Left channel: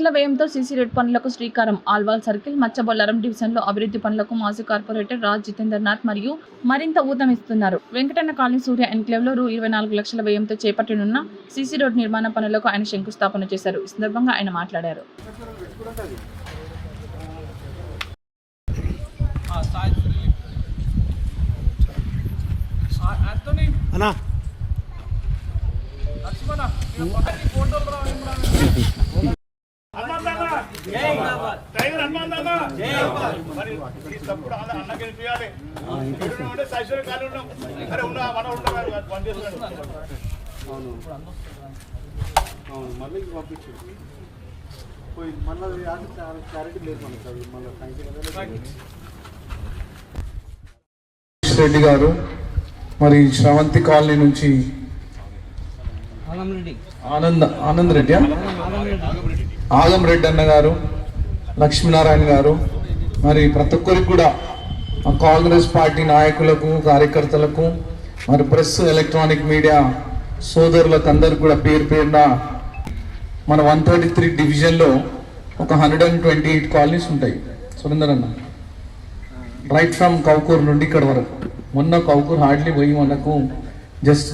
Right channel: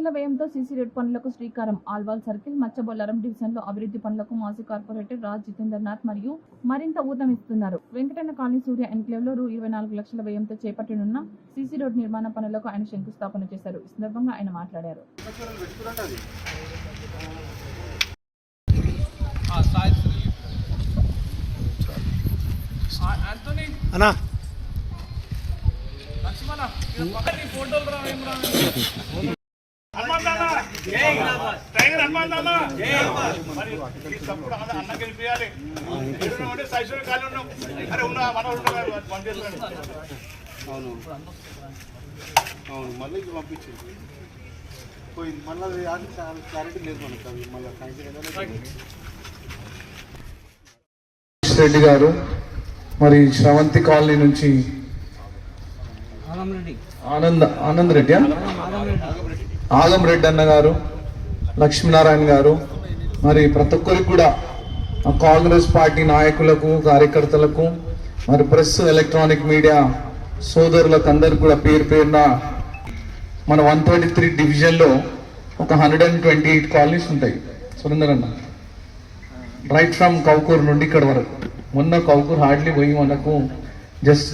లక్షల వ్యయంతో CC road పనులకు శ్రీకారం. ఆల్వాల్ సర్కిల్, మచ్చబొల్లారం డివిజన్లో అభివృద్ధి పనులకు మాజీ కార్పొరేటర్ రాజ్ జితేంద్రనాథ్ మరియు మరింత ఊతమిస్తున్నారు. వెంకటన్న కాలనీ సూర్య ఎన్క్లేవ్లో రూ. 24 లక్షల వ్యయంతో చేపట్టనున్న సీసీ రోడ్ నిర్మాణ పనులకు ఆయన శంకుస్థాపన చేశారు. ఈ సందర్భంగా ఆయన మాట్లాడారు. రెడ్డి గారు మరి శ్రవంతి కాలనీ నుంచి ఆనంద్ రెడ్డి ఆదం రెడ్డి అన్న గారు, లక్ష్మీనారాయణ గారు, మరి ప్రతి ఒక్కరికి కూడా కాంగ్రెస్ పార్టీ నాయకులకు, కార్యకర్తలకు, మరి ప్రెస్, ఎలక్ట్రానిక్ మీడియా సోదరులకు అందరికి కూడా పేరు పేరున మన 133 డివిజన్లో ఒక 128 కాలనీస్ ఉంటాయి. సురేందర్ అన్న రైట్ ఫ్రమ్ కౌకూర్ నుండి ఇక్కడ వరకు. మొన్న కౌకూర్ హార్డ్లీ పోయి మనకు జస్ట్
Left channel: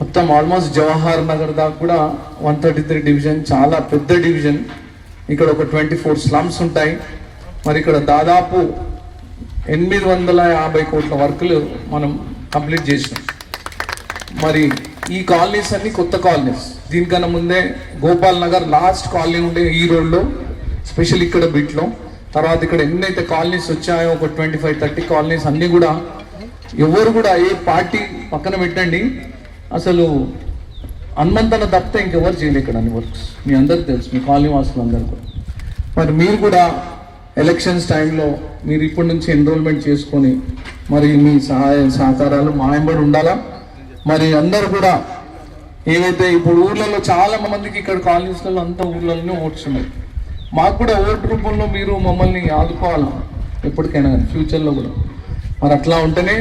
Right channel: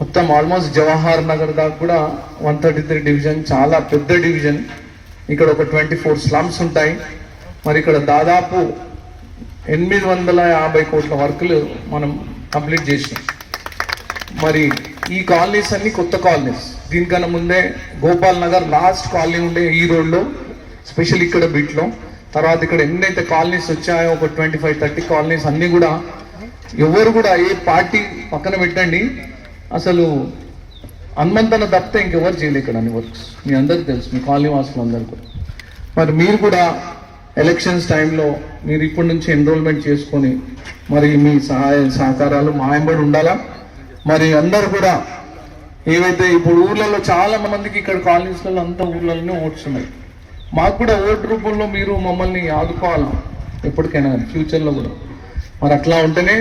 మొత్తం ఆల్మోస్ట్ జవహర్ నగర్ దాకా కూడా 133 డివిజన్ చాలా పెద్ద డివిజన్. ఇక్కడ ఒక 24 స్లమ్స్ ఉంటాయి. మరి ఇక్కడ దాదాపు 850 కోట్ల వర్కులు మనం కంప్లీట్ చేసినాం. మరి ఈ కాలనీస్ అన్ని కొత్త కాలనీస్. దీనికన్నా ముందే గోపాల్ నగర్ లాస్ట్ కాలనీ ఉండే ఈ రోడ్లో, స్పెషల్ ఇక్కడ బిట్లో. తర్వాత ఇక్కడ ఎన్నైతే కాలనీస్ వచ్చాయో ఒక 25-30 కాలనీస్ అన్నీ కూడా ఎవరు కూడా ఏ పార్టీ పక్కన పెట్టండి, అసలు హనుమంతన తప్పితే ఇంకెవరు చేయలేదు ఇక్కడ అన్ని వర్క్స్. మీ అందరికి తెలుసు, మీ కాలనీ వాసులు అందరూ కూడా. మరి మీరు కూడా ఎలక్షన్స్ టైంలో మీరు ఇప్పటి నుంచి ఎన్రోల్మెంట్ చేసుకొని మరి మీ సహాయ సహకారాలు మా వెంబడి ఉండాలా. మరి అందరు కూడా ఏవైతే ఇప్పుడు ఊర్లలో చాలా మందికి ఇక్కడ కాలనీస్లలో అంతా ఊర్లలోనే ఓట్స్ ఉన్నాయి. మాకు కూడా ఓటు రూపంలో మీరు మమ్మల్ని ఆదుకోవాలి ఎప్పటికైనా ఫ్యూచర్లో కూడా. మరి అట్లా ఉంటేనే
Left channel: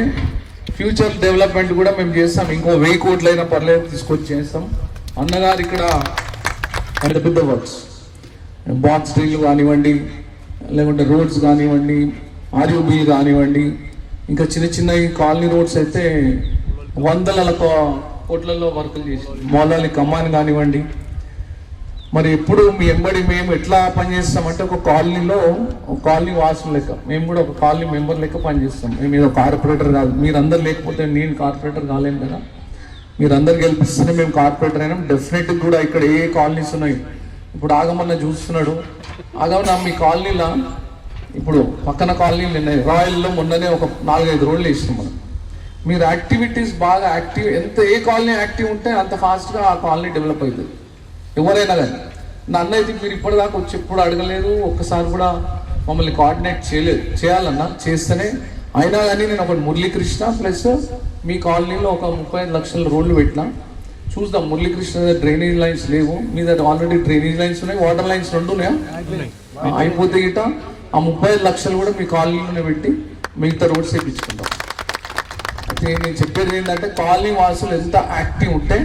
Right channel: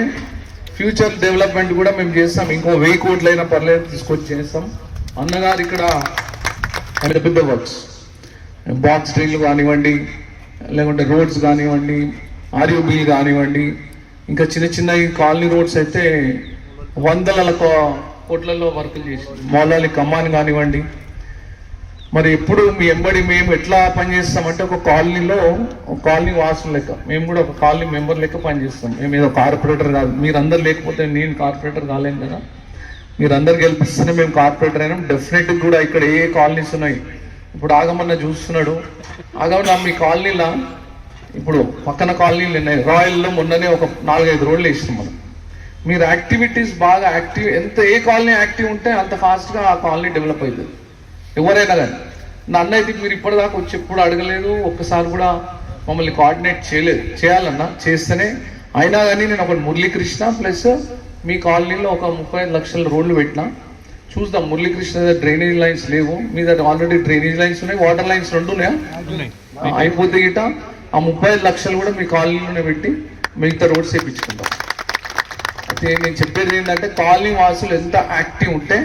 ఫ్యూచర్ డెవలప్మెంట్ కూడా మేము చేస్తాం. ఇంకో 1000 కోట్లైనా పర్లేదు తీసుకొచ్చి చేస్తాం. అన్నగారు ఇక్కడ పెద్ద పెద్ద వర్క్స్, బాక్స్ డ్రిల్ కానివ్వండి, లేకుంటే రోడ్స్ కానివ్వండి, ఆర్యూబీలు కానివ్వండి, ఇంకా చిన్న చిన్న కాలనీ రోడ్స్ అయితే 100 కోట్లలో వర్కులు చేసి, మౌలాలి కమ్మాన్ కానివ్వండి. మరి ఎప్పుడు మీ ఎంబడి మేము ఎట్లా పనిచేస్తామంటే ఒక కాలనీలో ఒక కాలనీ వాసులు లెక్క, మేము కూడా ఒక కాలనీ మెంబర్ లెక్క పనిచేస్తాం. మేము ఏదో కార్పొరేటర్ కాదు. మీరందరు లేకపోతే నేను కార్పొరేటర్ కాలేను కదా. మీరందరు గెలిపిస్తేనే మేము కార్పొరేటర్ అయినాం. డెఫినెట్గా కూడా ఇక్కడ ఏ కాలనీస్ ఉన్నాయి. ఇప్పుడు ఆగమన్న చూస్తున్నాడు. ఆగమన్న మీ కాలనీలో ఇప్పుడు పక్కన కాలనీలు ఉన్నాయి. రాయల్లో మొన్ననే ఒక 4-5 రోడ్లు వేసినాం మనం. మీరు యాక్టివిటీస్ బాగా యాక్టివ్, ఎంత ఏ కాలనీ యాక్టివ్ ఉంటే అంత ఫాస్ట్గా ఆ కాలనీ డెవలప్ అవుతుంది. ఎవరైనా కానీ నన్ను అయితే మీరు ఇప్పటిదాకా వచ్చి ఎప్పుడు అడగలేదు, ఒక్కసారి కూడా మమ్మల్ని కోఆర్డినేట్ చేయలేదు. చేయాలన్నా చేస్తేనే. అయినా కానీ నేను ఒక మురళీకృష్ణ ప్లస్ మీ కాలనీలో ఒక 35 లక్షల రోడ్లు పెట్టినా. చూద్దాం. మురళీకృష్ణ డ్రైనేజ్ లైన్స్ లేవు, మీ దగ్గర ఆల్రెడీ డ్రైనేజ్ లైన్స్ ఉన్నాయి, వాటర్ లైన్స్ 2 ఉన్నాయా? అయిపోతే గిట ఆ 35 లక్షలు కూడా మీ కాలనీలోనే పెట్టి మిగతా రోడ్స్ వేయించుకుంటాం. అయితే నేను చెప్పేది ఏంటంటే కాలనీ వాసులు ఎంత యాక్టివ్ ఉంటే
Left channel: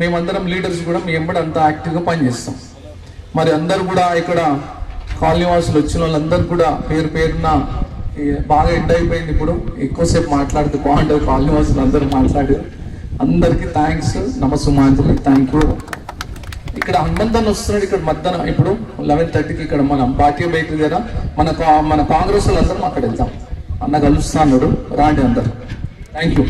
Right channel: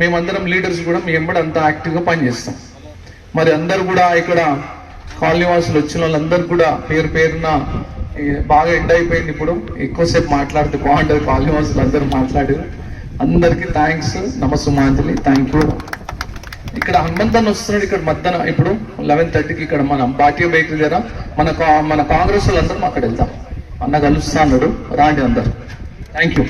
మేమందరం లీడర్స్ కూడా మీ ఎంబడి అంత యాక్టివ్గా పనిచేస్తాం. మరి అందరు కూడా ఇక్కడ కాలనీ వాసులు వచ్చిన వాళ్ళందరూ కూడా పేరు పేరున బాగా ఎండ్ అయిపోయింది. ఇప్పుడు ఎక్కువసేపు మాట్లాడితే బాగుంటుంది. కాలనీ వాసులు అందరూ మాట్లాడారు. అందరికీ థ్యాంక్స్, నమస్సుమాంజలి, థ్యాంక్ యూ. ఇక్కడ హనుమంతన్ వస్తున్నాడు. ఇక్కడ మధ్యాహ్నం ఇప్పుడు 11:30కి ఇక్కడ మన భాగ్య బేకరీ దగ్గర మన కాంగ్రెస్ వాళ్ళందరం అక్కడ వెళ్తాం. అన్న కలుస్తాడు, రాండి అందరు. Thank you.